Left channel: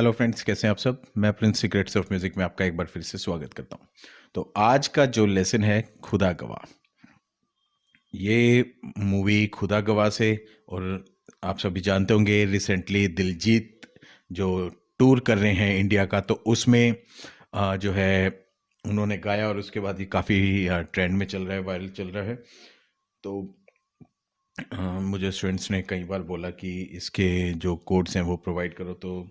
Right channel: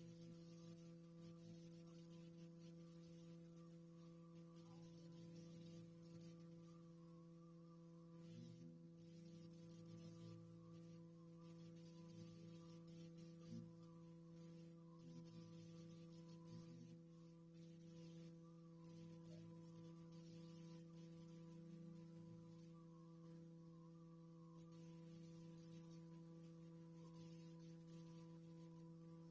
Hello friends, कैसे हैं आप सब। मैं प्रिंस सीक्रेट्स ऑफ म्यूज़िक में आपका एक बार फिर से स्वागत करता हूं। तो आज का जो लेसन है खुदा गवाह। ये मूवी खुदा गवाह से, और आप सभी जानते होंगे रिसेंटली दिलजीत जो टूर कर रहे हैं इंडिया का, तो उसमें जो है उन्होंने गाया और उसके बाद ये काफ़ी ट्रेंड में चल रहा है, वायरल चल रहा है। तो मुझे स्टूडेंट्स ने कई बार बोला कि इसके जो कोड्स हैं वो प्रोवाइड करो, तो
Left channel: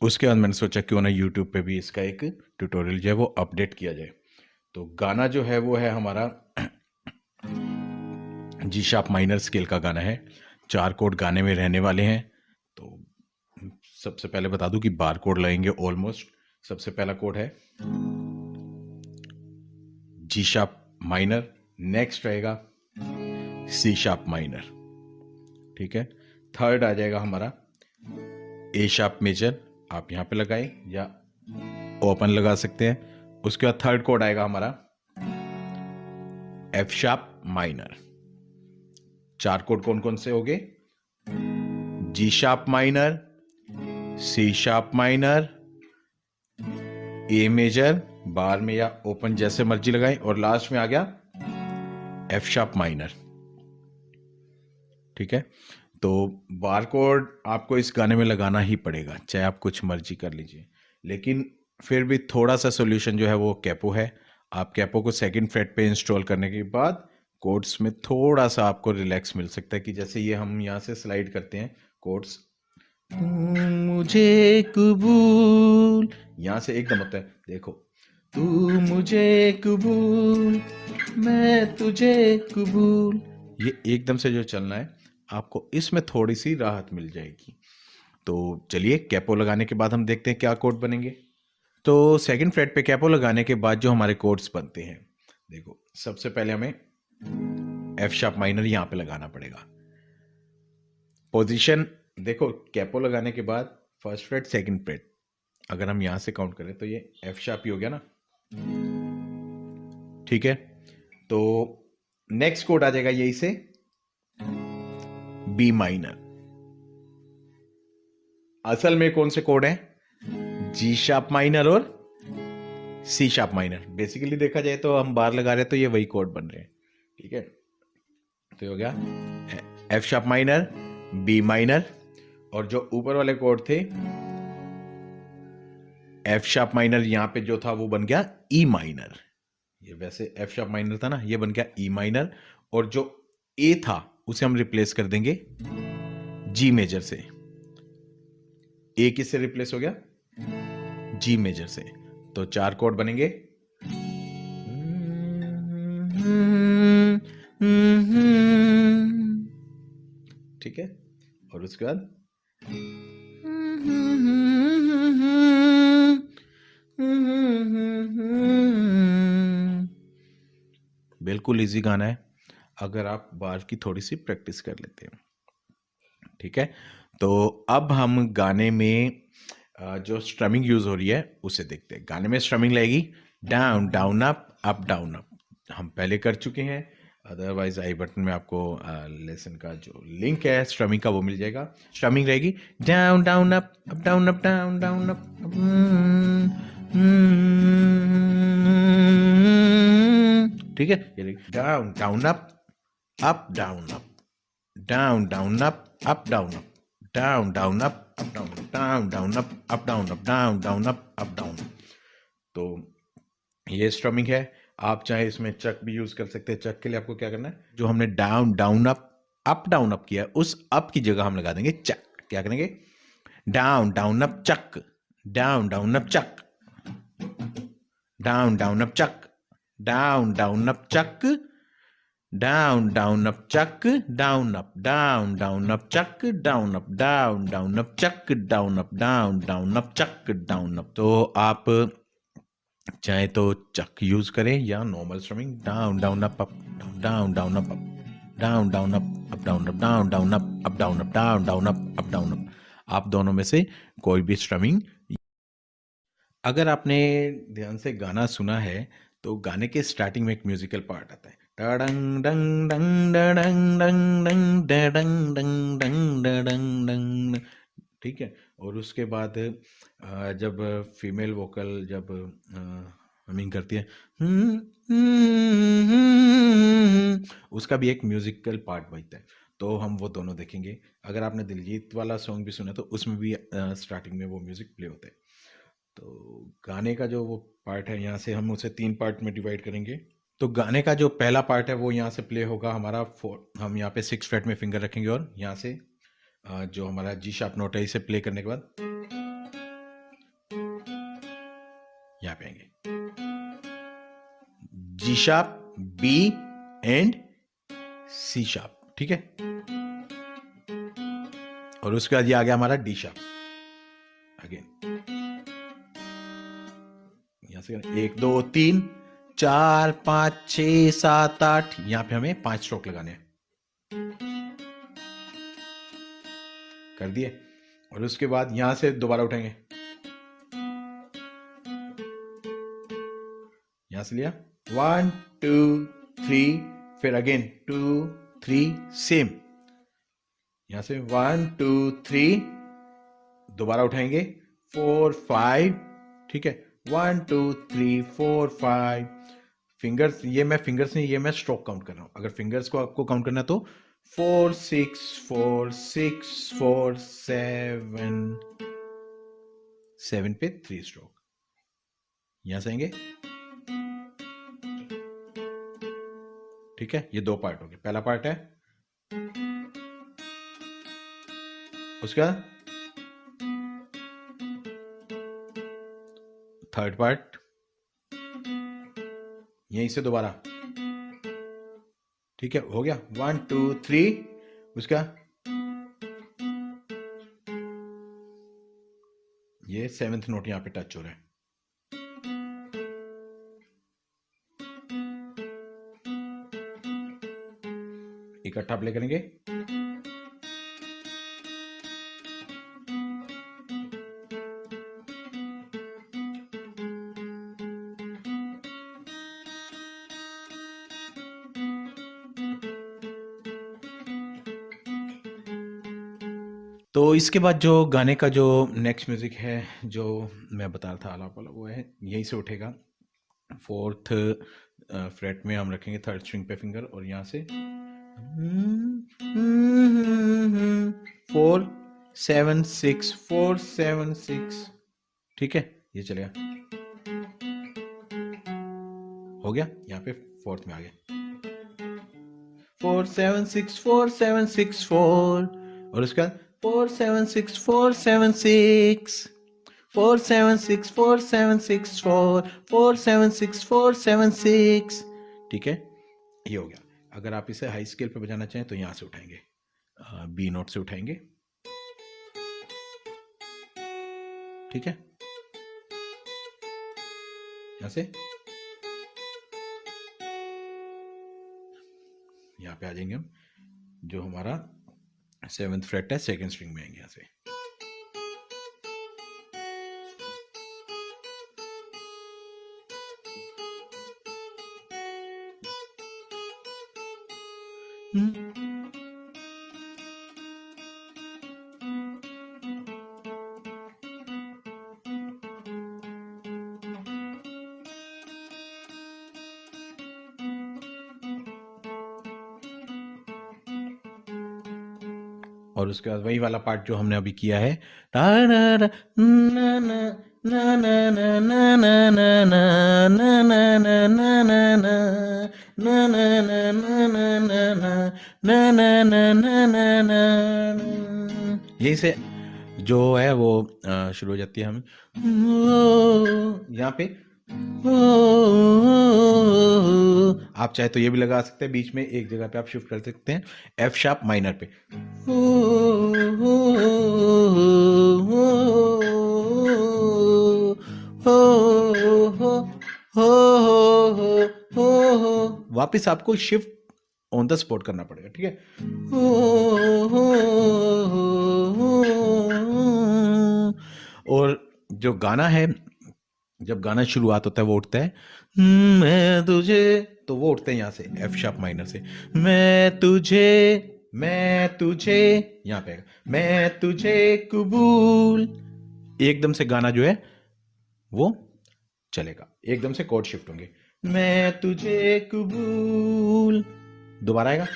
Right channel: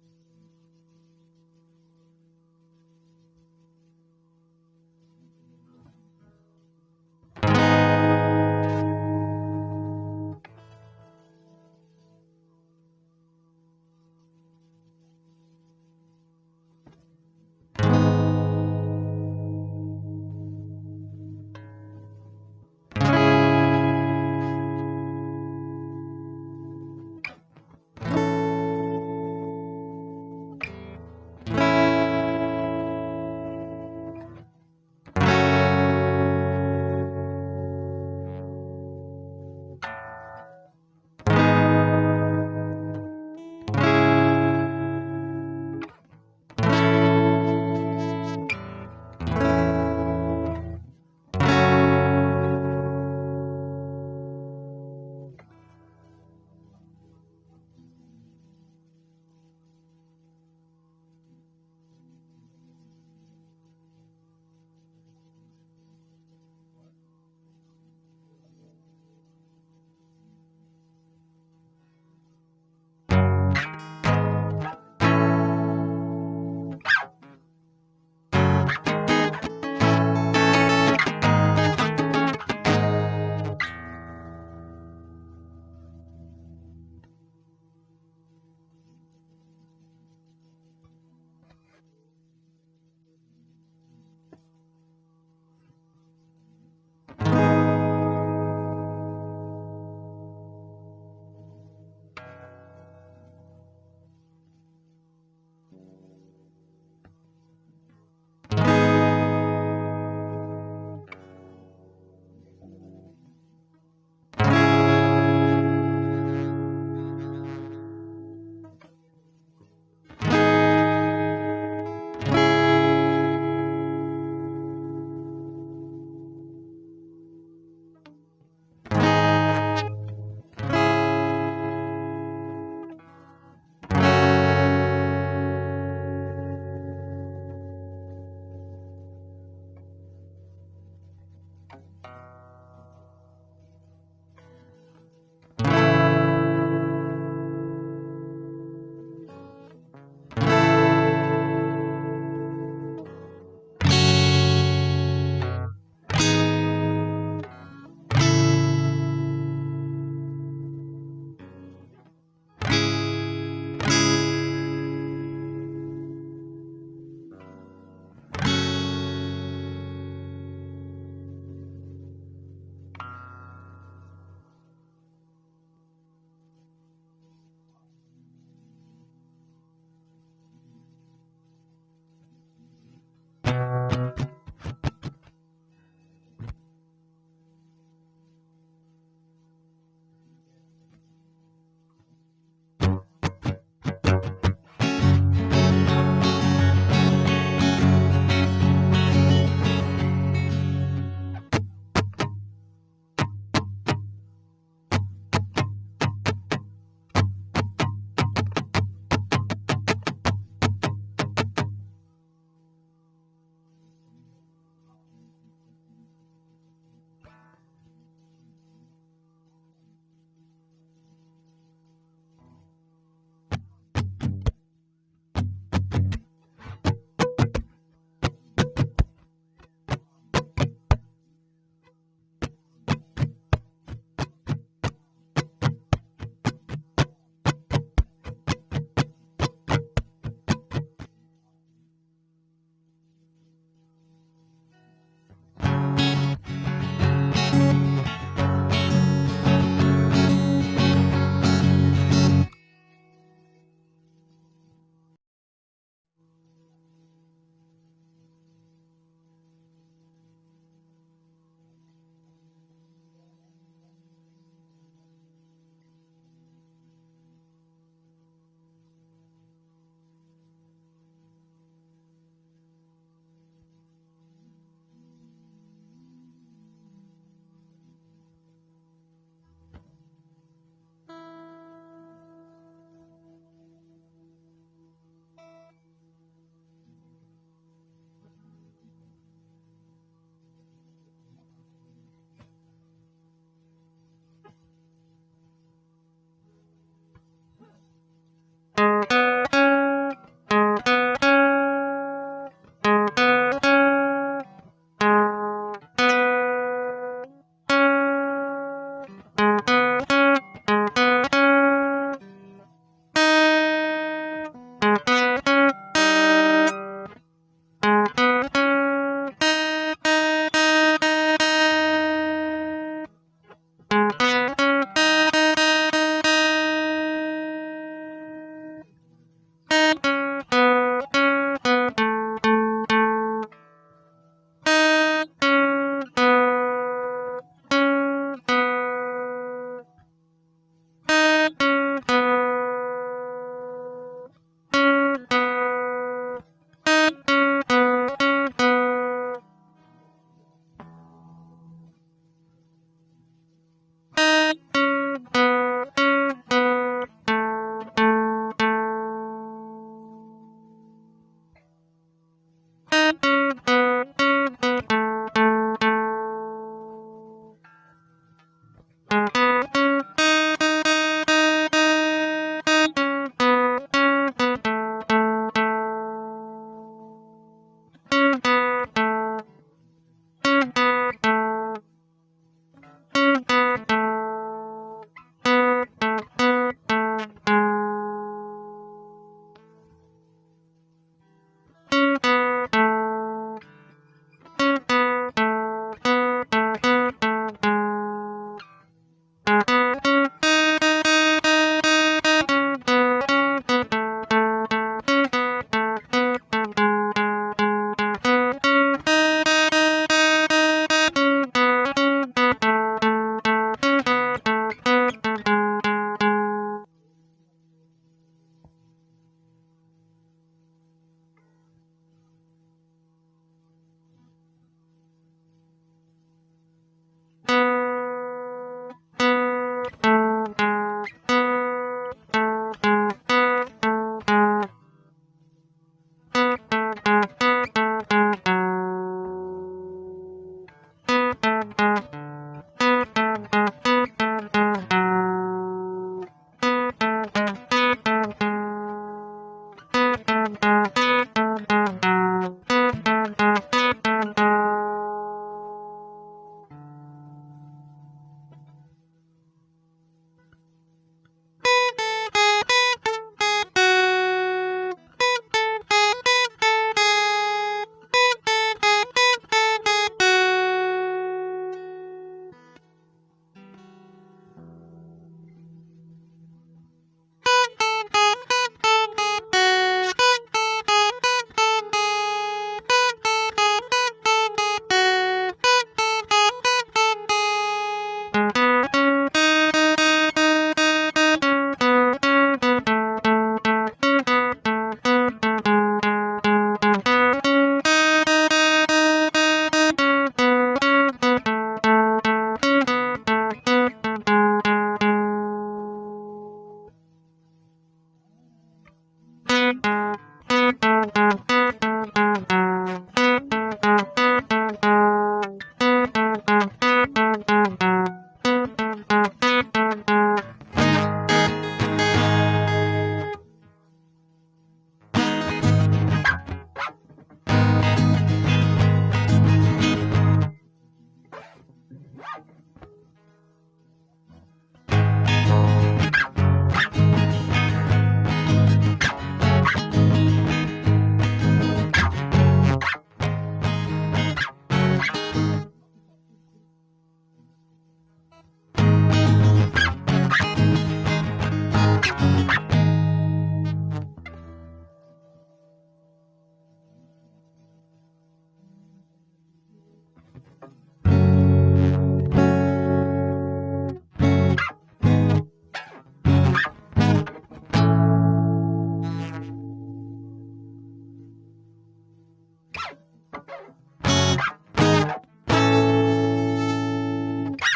उसके बाद मैंने सोचा क्यों ना यूट्यूब पे भी इसका एक ट्यूटोरियल जो है वो अपडेट किया जाए। तो गाना जो है वो है हमारा जी शार्प माइनर स्केल का गाना है। 4 कोड गाने में रहने वाले हैं। तो सबसे पहले बता दूं कि बार कोड लगेंगे ऑलमोस्ट। सबसे पहला कोड है जी शार्प माइनर, नेक्स्ट रहेगा सी शार्प माइनर, ठीक है। थर्ड आ जाएगा हमारा ए शार्प मेजर, आप यहाँ पे लगाए या ओपन लगा सकते हैं। उसके बाद थर्ड कोड आएगा हमारा एफ शार्प माइनर। 4 कोड कौन कौन से हो गए? G sharp minor, C sharp minor, A major bar में या ओपन जैसे मर्जी लगाएं, और लास्ट में आ गया एफ शार्प माइनर, ठीक है। तो बार कोड आपको इस गाने में लगाना ही पड़ेगा, चाहे आप कुछ मर्जी कर लीजिए। लेकिन फिर भी थोड़ा सा सोल्यूशन जो है वो कैपो है। आप कैपो को सेकंड फ्रेट पे इंस्टॉल करने के बाद कोड्स में थोड़ा सा आपको रिलैक्स मिल सकता है, कि जैसे ये हम यहाँ से स्लाइड करते हैं कोड्स, मुझे कबूल, यहाँ से एकदम होता है, देखो तू मुझे कबूल, मैं तुझे कबूल, ये एकदम से जो चलना है आपको इसमें थोड़ी सी राहत मिल जाएगी। तो चलिए कैपो लगाने के बाद हम देखते हैं क्या कोड बनेंगे। तो सेकंड फ्रेट पे कैपो लगाने के बाद जो हमारे कोड्स बनते हैं, देखो सबसे पहले हमें एफ शार्प माइनर यहाँ पे लगाना पड़ेगा। पोजीशन देखो, कैपो लगाने के बाद फर्स्ट फ्रेट सेकंड फ्रेट, अगर हम यहाँ से काउंट करें तो ये एफ शार्प ही हो गया ना, ठीक है। तो नेक्स्ट कोड आ जाएगा यही से बी माइनर। असल में कौन से कोड हैं? जी शार्प माइनर और सी शार्प माइनर। बेसिकली देखा जाए तो हम बार लगा रहे हैं तो ये वही कोड बन रहे हैं, ठीक है। तो ये हो गया F sharp minor, B minor, और जो ऊपर वाले कोड थे एफ शार्प माइनर, यहां पे जो था वो बन गया ई माइनर। ये वैसे एफ शार्प माइनर था ना, ये बन गया ई माइनर, और जो ए था उसे हम रिप्लेस कर देंगे जी मेजर से। ए किससे रिप्लेस हो गया? जी मेजर से। तो 4 कोड बनेंगे, ठीक है। और उसके बाद बिल्कुल इजी गाना है अगर आप बार की थोड़ी सी प्रैक्टिस कर लेते हैं, ठीक है। तो अब हम गाने में जो स्ट्रमिंग यूज हो रही है उसे देखते हैं। गाने में स्ट्रमिंग लगेगी down down up down up, हम पहले कर चुके हैं। अदरवाइज आई बटन में आपको लेसन का जो लिंक है स्ट्रमिंग का वो मिल जाएगा। स्ट्रमिंग रहेगी down down up down up down down up, ठीक है। Down down up down up, down down up down up, down down up down down up down up, down down up down. तो ये strumming है। आप चाहे इसमें चक भी use कर सकते हैं। चक के लिए आपको क्या करना है, जो हमने down down up down up किया उस अप की जगह हम लगा देंगे चक। क्या करेंगे? डाउन डाउन अप चक, डाउन डाउन अप चक, डाउन डाउन अप चक, डाउन डाउन अप चक, डाउन डाउन अप चक, down up down down up चक, down up down down up चक, down up down down up चक, down up. तो आप चाहे तो चक use करें या normal strumming, down down up down down up down down up down down up down up down down up down. आप दोनों में से कोई भी स्ट्रमिंग। अगर आपने ध्यान से गाना सुना है तो गाने के स्टार्टिंग में एक म्यूजिकल पार्ट आता है, डंग डंग डंग डंग डंग डंग डंग डंग डंग डंग, ठीक है। और उसके बाद जब फीमेल वोकल जब हमिंग करती है, उसका भी एक म्यूजिकल पार्ट बजता है। तो हम वो दोनों देखेंगे। अगर आपने दिलजीत वाला सॉन्ग भी सुना तो उसमें भी स्टार्टिंग में वो म्यूजिक प्ले होता है। तो गाने का जो वो पार्ट है, यहाँ से हम उसे 3 पार्ट में डिवाइड करेंगे। तो गाने का जो पहला पार्ट है वो यहाँ से प्ले होगा हमारा। हम यहाँ पे 6 फ्रेट में फिंगर रखेंगे और यहाँ से जो हमारा जी शार्प नोट है इसे प्ले करने के बाद यहाँ पे आएंगे G sharp, B and C sharp, ठीक है। और उसके बाद ये आ गया हमारा डी शार्प। यहाँ से 1 2 3 4 5 6 7 8, यहाँ पे हमें 5 स्ट्रोक लगाने हैं। कर दिए। और उसके बाद यहाँ से दोबारा उठाएंगे, यहाँ से लिया 1 2 3, फिर अगेन 2 3 सेम, यहाँ से 1 2 3, दोबारा उठाएंगे 4 5, ठीक है। 1 2 3 4 5 फिंगर्स, ये मैं फिंगर्स नहीं, ये मैं स्ट्रोक काउंट कर रहा हूँ। अगर फिंगर्स को आपको काउंट करना है तो 4 6 4 6 4 7 पे 3 स्ट्रोक। यहां से आएंगे, ठीक है। ये 2 पार्ट हो गए। पहला पार्ट है, उसका थर्ड पार्ट, यहीं से दोबारा, ठीक है। हो गया 1 2 3, उसका ये 7th नोट यहाँ पे टच हो रहा है। इकट्ठा प्ले करेंगे। तो इसके बाद जो गाने का जो नेक्स्ट म्यूजिक है जो मैं बता रहा था आलाप वाला, वो है यहीं से उठेगा। 4th फ्रेट में हम रखेंगे 3rd स्ट्रिंग पे फिंगर और यहाँ से 4 7 6 4 7 6, ठीक है। ये चलेगा, हो गया। यहाँ पे 4th में आ गया 4 7 6 4 7 6 4, और उसके बाद 4 7 6 4 7 6 4 7 6 4 7 6 4 4 7 6 4 7 6, ठीक है। ये हो गया। अगर आप इसे हाई स्केल पे बजाना चाहें तो यहाँ से उठाएंगे, बी नोट से उठाएंगे, ठीक है। ऐसे यहाँ पे आ जाएंगे हम, जो हमारा 7th फ्रेट है 2nd स्ट्रिंग में आएंगे यहाँ से। और उसके बाद वही वाला पार्ट जो हमने अभी किया है, यहीं से जो है वो शुरू हो जाती है। हम यहाँ पे आप चाहे तो ये भी लगा सकते हैं, बीच में एक जगह पे आप शिफ्ट कर सकते हैं एफ शार्प माइनर पे। वापस आपको शिफ्ट ऑन द स्पॉट करना पड़ेगा, ठीक है। और जो गाना है, जब गाना शुरुआत होता है वो उठता है मैं तुझे, तो वो उठते हैं यहाँ से एफ शार्प माइनर से, मैं तुझे यहाँ पे मैं तुझे कबूल। एकदम से गाना जो है वो चलेगा, एकदम से कोड शिफ्ट होंगे। मैं तुझे कबूल, दोबारा आएगा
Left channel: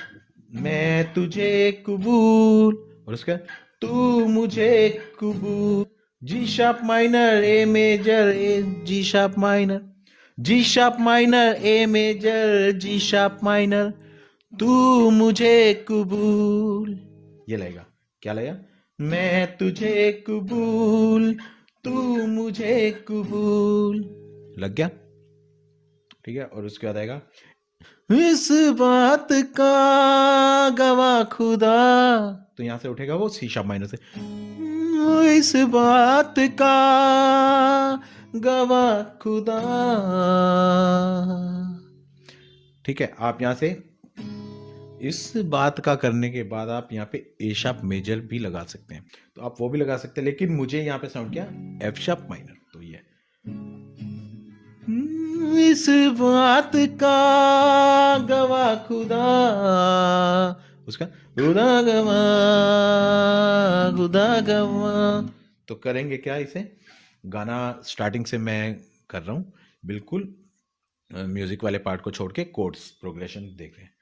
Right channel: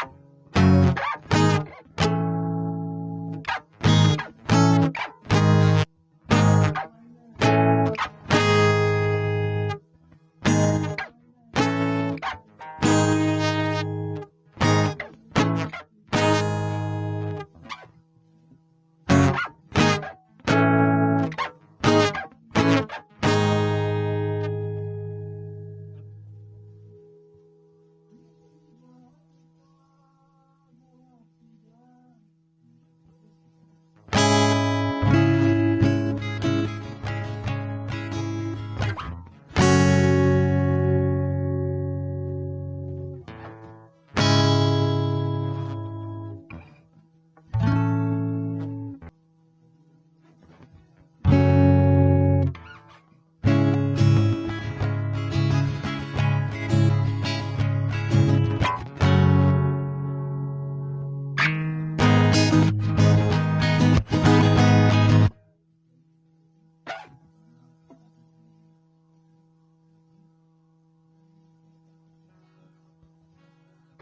मैं तुझे कबूल, और उसका तू मुझे कबूल। G sharp minor A major, G sharp minor, G sharp minor A major, G sharp minor, तू मुझे कबूल। ये लगेगा, क्या लगेगा? मैं तुझे कबूल, तू मुझे कबूल। लग गया? ठीक है। और उसके बाद आएगा इस बात का गवाह खुदा, तो यहां से उठेगा वो सी शार्प माइनर से। इस बात का गवाह खुदा। ठीक है। आप यहां से इस बात का करने के बाद आप यहाँ पे ए शार्प मेजर भी लगा सकते हैं, तो आप वो भी लगा सकते हैं, लेकिन मुझे यहाँ पे साउंड एफ शार्प माइनर। तो ये इस बात का गवाह खुदा, उसका खुदा गवाह, खुदा गवाह। तो करेंगे क्या? इसे गाना स्टार्टिंग से मैं कर रहा हूँ, बिल्कुल म्यूजिक वाले पार्ट को छोड़ के कोड्स प्रोग्रेशन देख रहे हैं।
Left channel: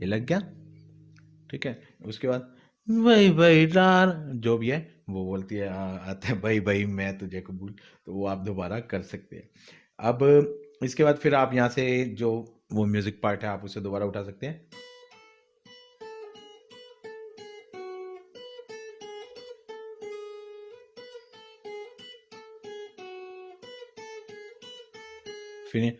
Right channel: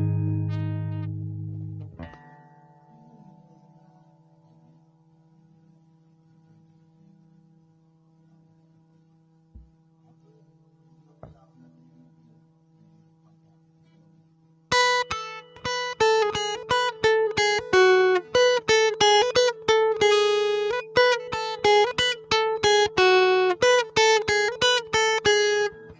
ये लग गया? ठीक है। उसके बाद भाई भाई डार जो भी है वो बोलती है, आता है भाई भाई मैं तुझे कबूल, तो वो आप दोबारा कर सकते हैं। अब इसके बाद फिर आप यहाँ से जो वो म्यूजिक पार्ट है आप उसे दोबारा उठा सकते हैं। फिर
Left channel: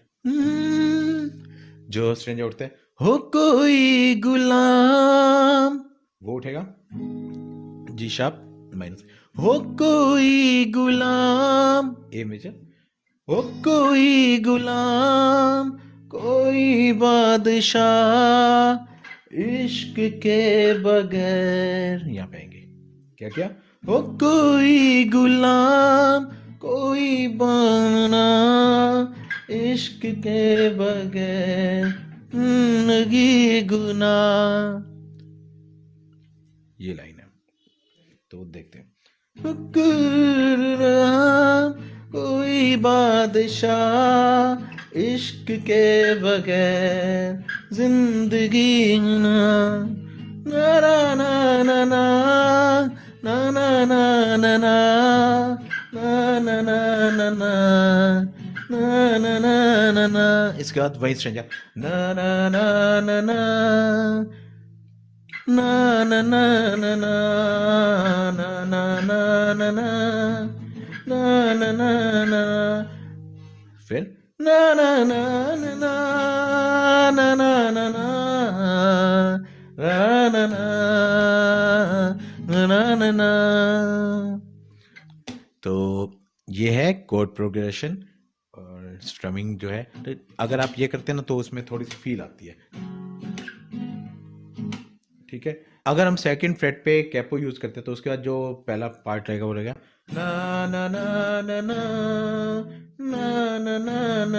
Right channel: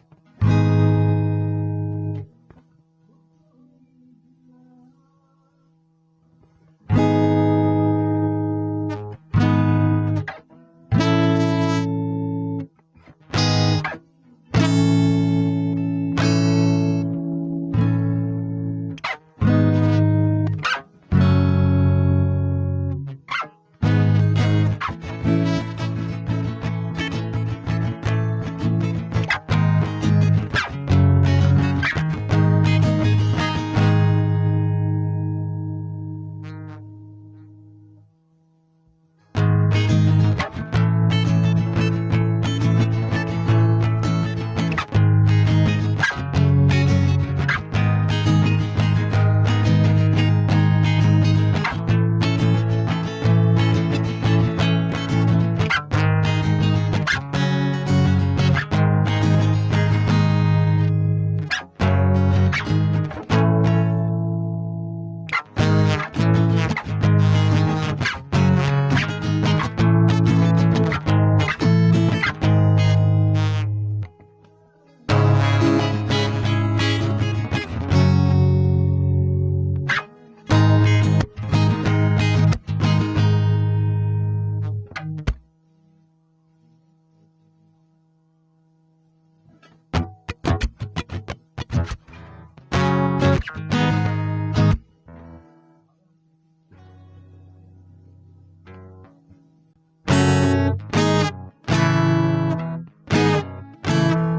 जो स्ट्रेंजर उठते हैं, हो कोई गुलाम, वो उठेगा जी शार्प माइनर। हो कोई गुलाम ए मेजर, हो कोई गुलाम, कोई बादशाह इश्क के बगैर। यहाँ पे आएंगे क्या क्या? हो कोई गुलाम, कोई बाना इश्क के बगैर, जिंदगी गुनाह। ये लाइन है, तो देखते हैं। कोई बादशाह इश्क के बगैर जिंदगी ना, ना ना ना ना ना ना ना ना ना ना ना ना ना ना। इसके बाद वही स्ट्रेंजर ना ना ना ना ना ना ना ना ना ना फिर ना ना ना ना ना ना ना ना ना। तो ये है कोड प्रोग्रेशन और स्ट्रमिंग जो है। अगर आप ये करते हैं ना तो उसमें थोड़ी फील आती है। ठीक है। अगर हम सेकंड फ्रेट पे कैपो यूज करते हैं तो उसके बाद जो पहला पार्ट रहेगा वो रहेगा ना ना ना ना ना ना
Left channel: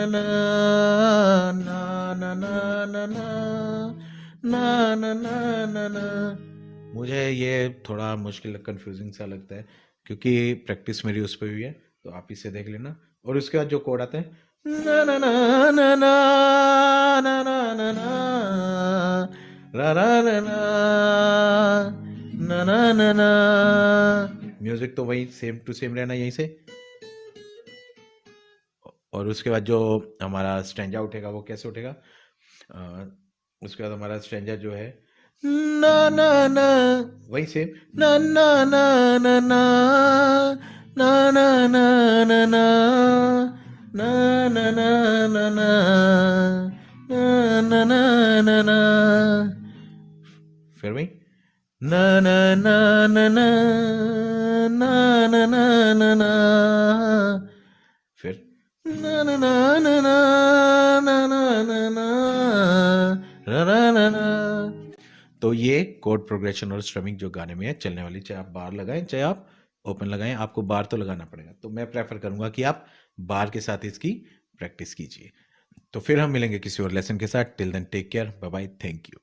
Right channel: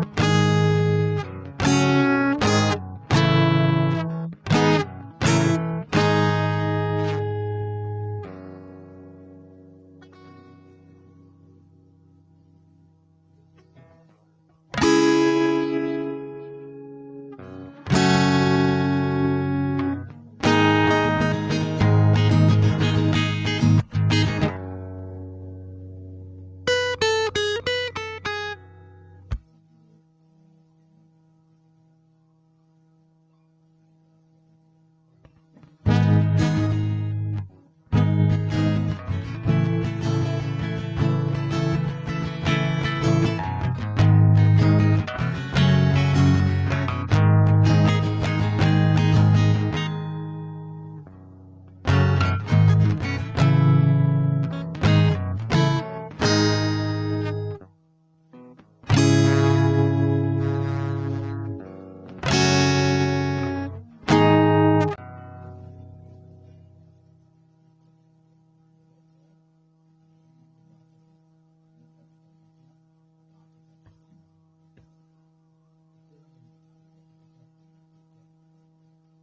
ना ना। मुझे ये थोड़ा मुश्किल कंफ्यूजिंग सा लगता है क्योंकि प्रैक्टिस मेरी उस पर हुई है, तो आप इसे देख लेना। और उसके बाद जो कोड आते हैं ना ना ना ना ना ना ना म्यूजिक तो वही सेम टू सेम रहना यहीं से। और उसके बाद जो हमारा स्ट्रेंजा उठेगा वो कैसे उठेगा? उसके बाद हमारा स्ट्रेंजा जो है ना ना ना वही सेम ना ना ना ना ना ना ना ना ना ना ना ना ना ना ना। फिर वही ना ना ना ना ना ना ना ना ना ना। फिर तो ये कोड प्रोग्रेशन और स्ट्रमिंग जो गाने में है चलने वाली, चाहे आप बार लगाएं चाहे आप ओपन लगाएं, आपको बार तो लगाना पड़ेगा। तो मैं प्रेफर करूंगा कि आप बार के साथ इसकी प्रैक्टिस कीजिए। तो फिर हम मिलेंगे किसी और लेसन के साथ। Till then take care, bye bye, thank you.